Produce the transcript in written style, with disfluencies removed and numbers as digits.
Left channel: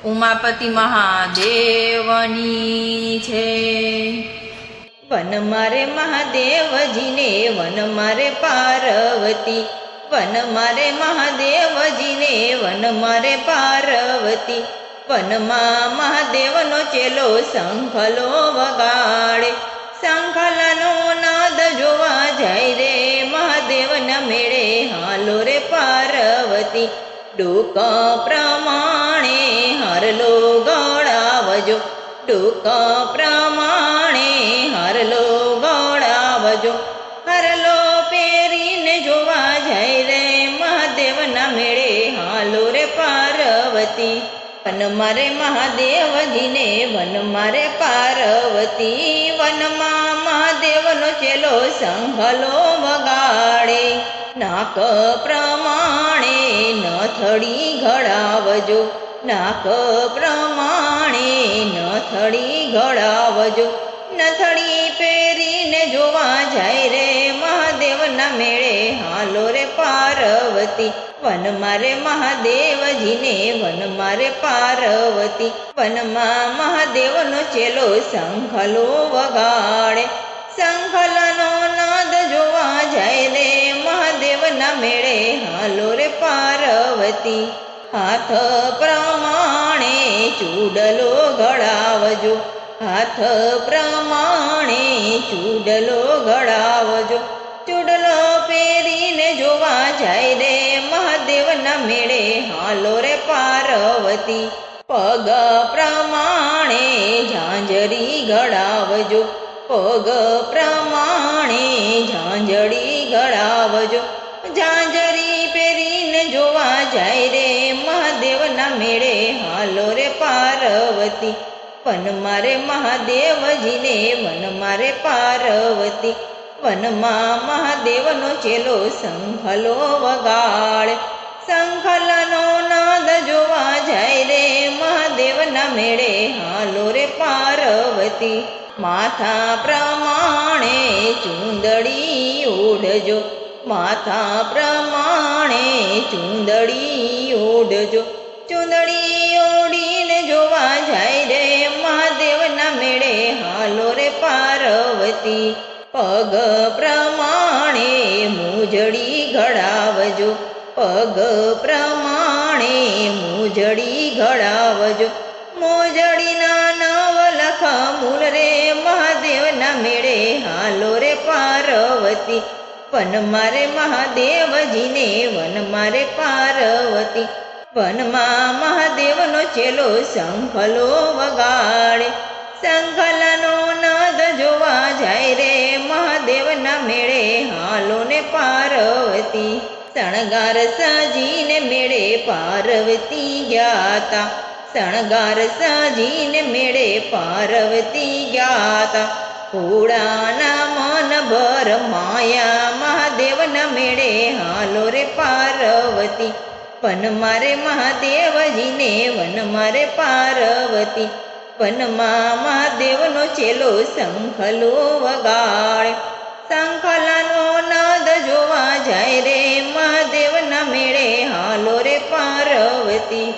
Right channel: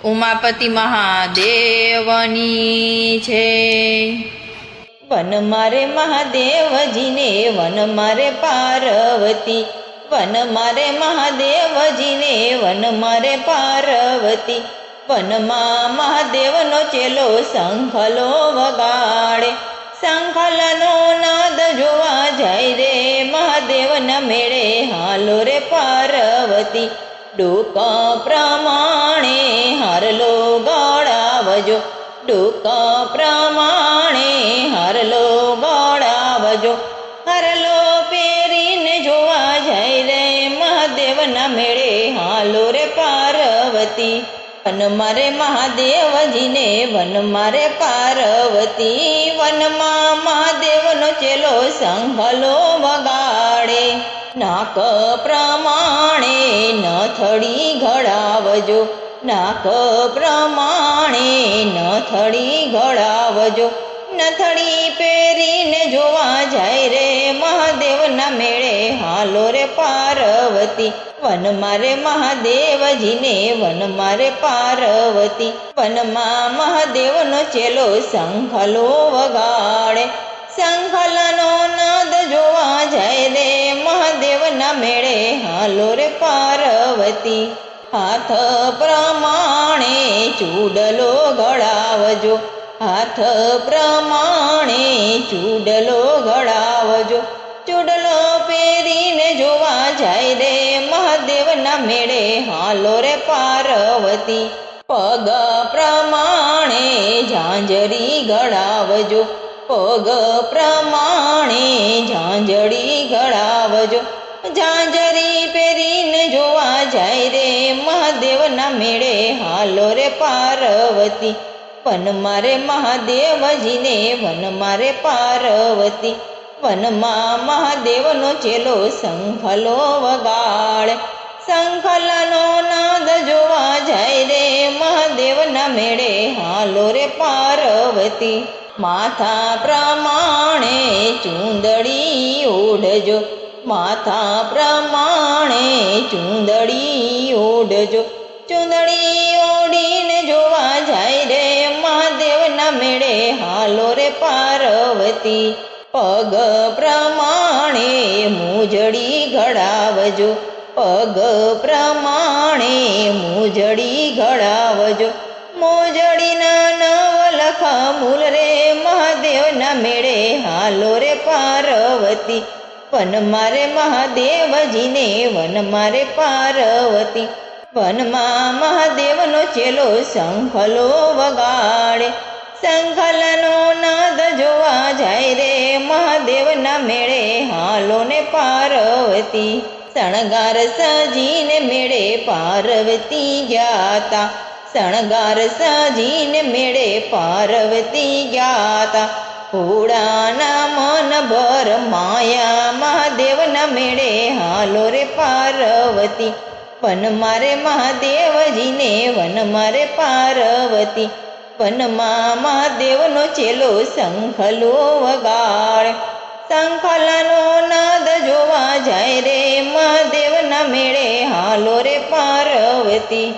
ઉમાપતિ મહાદેવની છે। વન મારે મહાદેવજીને વન મારે પાર્વતી, વન મારે મહાદેવજીને વન મારે પાર્વતી। વનમાં મહાદેવનો ચેલો શંખલો વગાડે, શંખલાનો નાદ જોવા જાય રે મહાદેવના મેળે હાલો રે પાર્વતી। ડૂક પ્રમાણે હારલો ગળાવજો, ડૂક પ્રમાણે હારલો ગળાવજો। હારલો પહેરીને જોવા જાય રે મહાદેવના મેળે હાલો રે પાર્વતી। વન મારે મહાદેવજીને વન મારે પાર્વતી, વનમાં મહાદેવનો ચેલો શંખલો વગાડે। નાક પ્રમાણે નથડી ઘડાવજો, નાક પ્રમાણે નથડી ઘડાવજો। નથડી પહેરીને જોવા જાય રે મહાદેવના મેળે હાલો રે પાર્વતી। વન મારે મહાદેવજીને વન મારે પાર્વતી, વનમાં મહાદેવનો ચેલો શંખલો વગાડે, શંખલાનો નાદ જોવા જાય રે મહાદેવના મેળે હાલો રે પાર્વતી। હાથ પ્રમાણે ચૂડલો ઘડાવજો, હાથ પ્રમાણે ચૂડલો ઘડાવજો। ચૂડલો પહેરીને જોવા જાય રે મહાદેવના મેળે હાલો રે પાર્વતી। પગ પ્રમાણે ઝાંઝરી ઘડાવજો, પગ પ્રમાણે ઝાંઝરી ઘડાવજો। ઝાંઝરી પહેરીને જોવા જાય રે મહાદેવના મેળે હાલો રે પાર્વતી। વન મારે મહાદેવજીને વન મારે પાર્વતી, વનમાં મહાદેવનો ચેલો શંખલો વગાડે, શંખલાનો નાદ જોવા જાય રે મહાદેવના મેળે હાલો રે પાર્વતી। માથા પ્રમાણે ચૂંદડી ઓઢજો, માથા પ્રમાણે ચૂંદડી ઓઢજો। ચૂંદડી ઓઢીને જોવા જાય રે મહાદેવના મેળે હાલો રે પાર્વતી। પગ પ્રમાણે મૂજડી ઘડાવજો, પગ પ્રમાણે મૂજડી ઘડાવજો। મોજડીના નવલખ મૂલ રે મહાદેવના મેળે હાલો રે પાર્વતી। વન મારે મહાદેવજીને વન મારે પાર્વતી, વનમાં મહાદેવનો ચેલો શંખલો વગાડે, શંખલાનો નાદ જોવા જાય રે મહાદેવના મેળે હાલો ને પાર્વતી। શણગાર સજીને મેળે પાર્વતી ગ્યાતા, શણગાર સજીને મેળે પાર્વતી ગ્યાતા। ભોળાના મન ભર માયા મહાદેવના મેળે હાલો રે પાર્વતી। વન મારે મહાદેવજીને વન મારે પાર્વતી, વનમાં મહાદેવનો ચેલો શંખલો વગાડે, શંખલાનો નાદ જોવા જાય રે મહાદેવના મેળે હાલો રે પાર્વતી।